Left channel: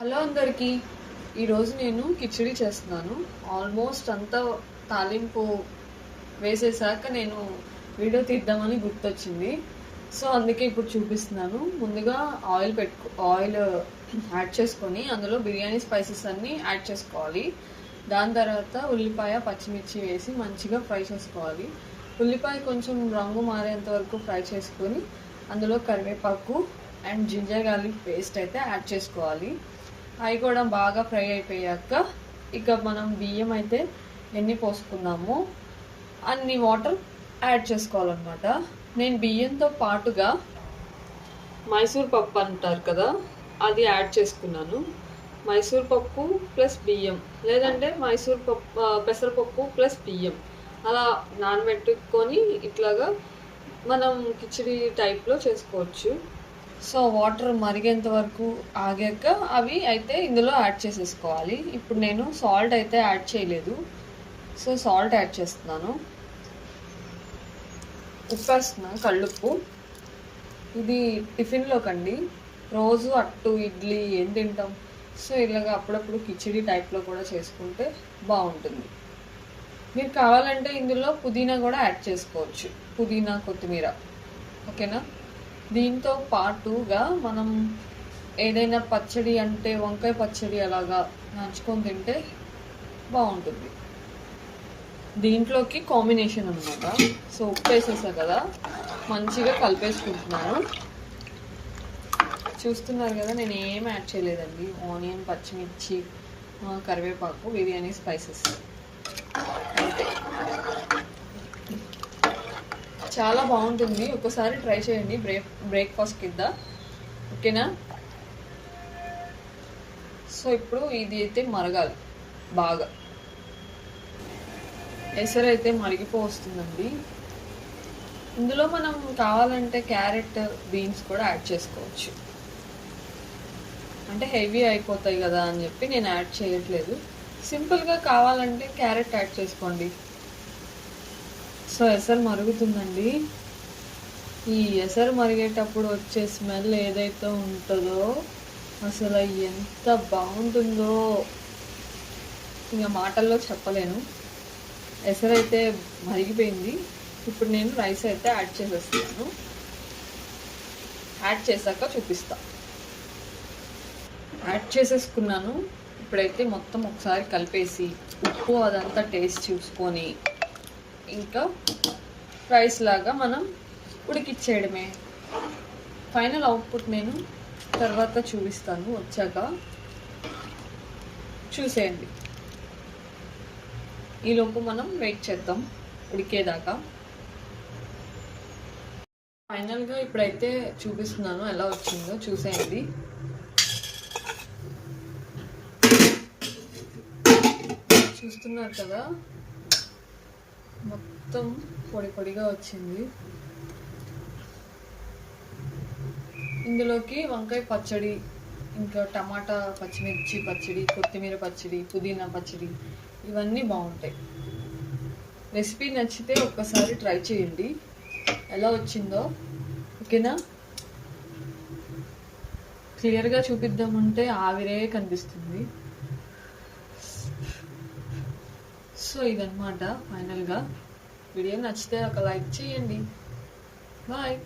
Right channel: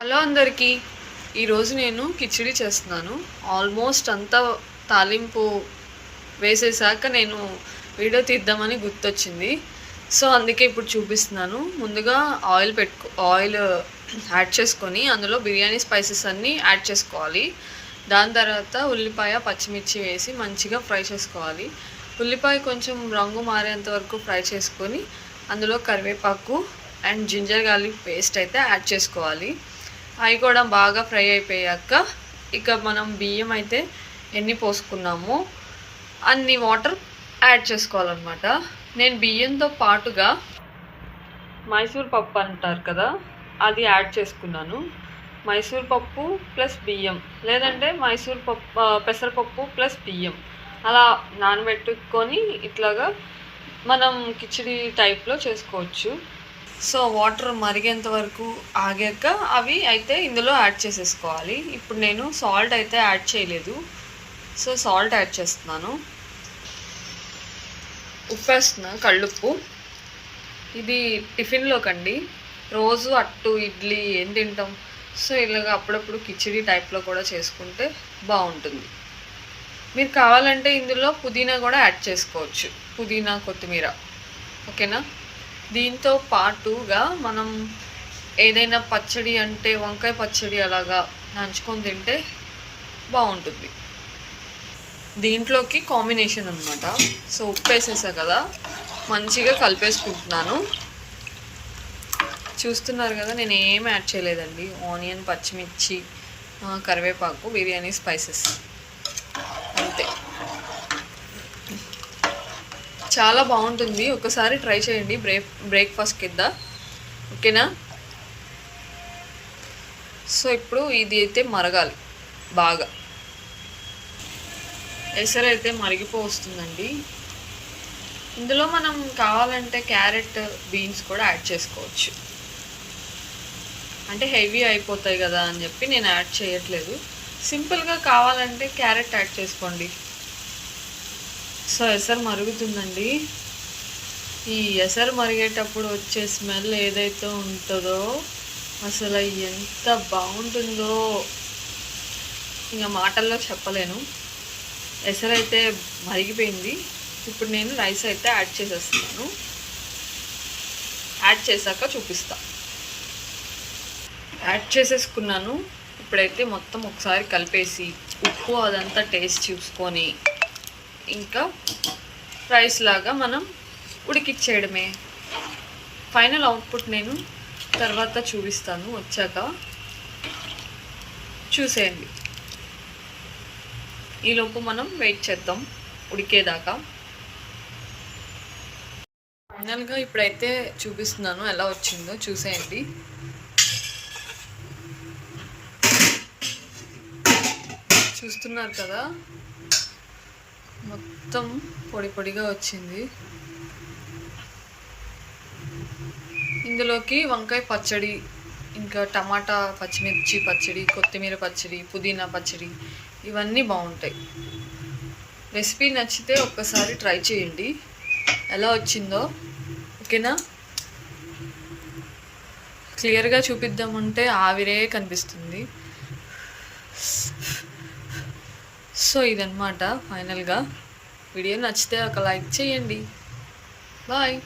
Hello అందరికీ. ఈరోజు నేను కిచిడి చేస్తున్నాను. ఆల్మోస్ట్ అంతా తాలింపు వేసేసాక నేను వీడియో తీద్దామని గుర్తొచ్చింది. సో అందుకే ఇప్పుడు చూపిస్తున్నాను. ముందుగా ఆయిల్ యాడ్ చేసుకొని అందులో బిర్యానీ స్పైసెస్ అన్నీ యాడ్ చేసుకోవాలి. దాని తర్వాత ఉల్లిపాయ పచ్చిమిర్చి వేసి మంచిగా ఫ్రై చేసుకోవాలి. ఉల్లిపాయ కొంచెం రంగు మారేంత వరకు ఫ్రై చేసుకొని అందులో కరివేపాకు అండ్ జింజర్ గార్లిక్ పేస్ట్ అయితే యాడ్ చేసుకోవాలి. అవి కూడా బాగా ఫ్రై అయిపోయాక ఇక మనం బియ్యం అయితే ఎన్ని పోసుకున్నామో అన్ని వాటర్ యాడ్ చేసుకోవాలన్నమాట. నేను బియ్యంతో పాటుగా మైసూర్ పప్పు అంటారు కదా, అది యాడ్ చేసుకున్నాను. మైసూర్ పప్పు ప్లస్ బియ్యం, లేదంటే మైసూర్ పప్పు పెసరపప్పు ప్లస్ బియ్యం అలా నానబెట్టుకొని ఇట్లాగా మనం కిచిడి టైప్లో చేసుకోవచ్చు. సో వాటర్ మరిగేంత వరకు ఆగాక అవి అయితే ఇందులో యాడ్ చేసేసుకోవాలి. ఇప్పుడు నేను సాల్ట్ అయితే యాడ్ చేయలేదు, సో సాల్ట్ యాడ్ చేస్తున్నాను. ఉప్పు వేస్తున్నాను, కళ్ళుప్పు. ఇది టిఫిన్లోకండి, రోజు అట్టు ఇడ్లీ ఏం తింటాం, సో ఇలాగ అప్పుడప్పుడు కిచిడి టైప్లో కూడా చేసుకుంటే బాగుంటుంది. మీరు కావాలంటే ఇందులో పుదీనా కూడా యాడ్ చేసుకోవచ్చు, పుదీనా కొత్తిమీర. ఓకేనా. దీంతో పాటుగా మనం ఏదైనా పచ్చడి అంటే వంకాయ పచ్చడి అలాగా నంచుకొని తింటే బాగుంటుంది. దీంట్లోకి కాంబినేషన్ అనమాట. సో ఉప్పు వేసేసా కదా, మంచిగా కలిపేసుకుంటున్నాను. చూస్తున్నారు కదా, నేను ఏం యాడ్ చేయలేదండి. ఆనియన్, పచ్చిమిర్చి, కరివేపాకు, బిర్యానీ స్పైసెస్ అంతే. చాలా బాగుంటుంది, ఒకసారి ట్రై చేయండి బ్రేక్ఫాస్ట్ కింద. ఓకేనా. సో ఇప్పుడు ఇది అయితే మరగాలి బాగా. ఎసరు అయితే మరిగిపోతుందండి. ఇందులో మనం కావాలంటే క్యారెట్, బీన్స్ కూడా యాడ్ చేసుకోవచ్చు. అంటే హెవీ అయిపోతాయి కదా అని చెప్పి నేను యాడ్ చేయట్లేదు. సింపుల్గా కావాలంటే క్యారెట్ యాడ్ చేసుకోండి. సో ఎసరు మరుగుతుందండి. ఈ ఎసరు మరిగేటప్పుడు వచ్చే స్మెల్ ఏదైతే ఉంటుందో అసలు ఎంత బాగుంటుందో ఇంకా మాటల్లో చెప్పలేను. ఎసరు అయితే మరిగిపోయింది. ఇప్పుడు నేను రైస్ అయితే యాడ్ చేసేస్తున్నాను. యాడ్ చేశాక చూపిస్తా. యాడ్ చేసేసుకున్నాను. ఇప్పుడైతే మొత్తం ఒకసారి కలిపేసి ఉప్పు అదంతా టేస్ట్ చూసుకొని ఇంకా రైస్ లాగా మనం ఉడికిచ్చేయడమే. ఫైనల్ అవుట్పుట్ నేను తర్వాత చూపిస్తాను వచ్చాక, చూసేయండి. ఈలోపు మనం వెయిట్ చేద్దాం ఉడికేదాకా. ఫైనల్గా ఇప్పుడైతే చూపిస్తున్నాను ఎలా వచ్చిందో, చూసేయండి. చూస్తున్నారు కదా, మొత్తం పొడి పొడిగా వచ్చింది. ఇందులోకి వంకాయ పచ్చడి, ఇంకా టమాటా పచ్చిమిర్చి పచ్చడి, కొత్తిమీర పచ్చడి, పుదీనా పచ్చడి, ఇవన్నీ బాగుంటాయి. రెసిపీ నచ్చితే ఒక్కసారి ట్రై చేయండి ఎలా వచ్చిందో. ఓకేనా. క్లియర్గా చూపిద్దామంటే ఆవిరే కనిపిస్తుంది. సో ఇదన్నమాట ఫైనల్గా. వీడియో నచ్చితే ఒక లైక్ చేయండి. బాయ్.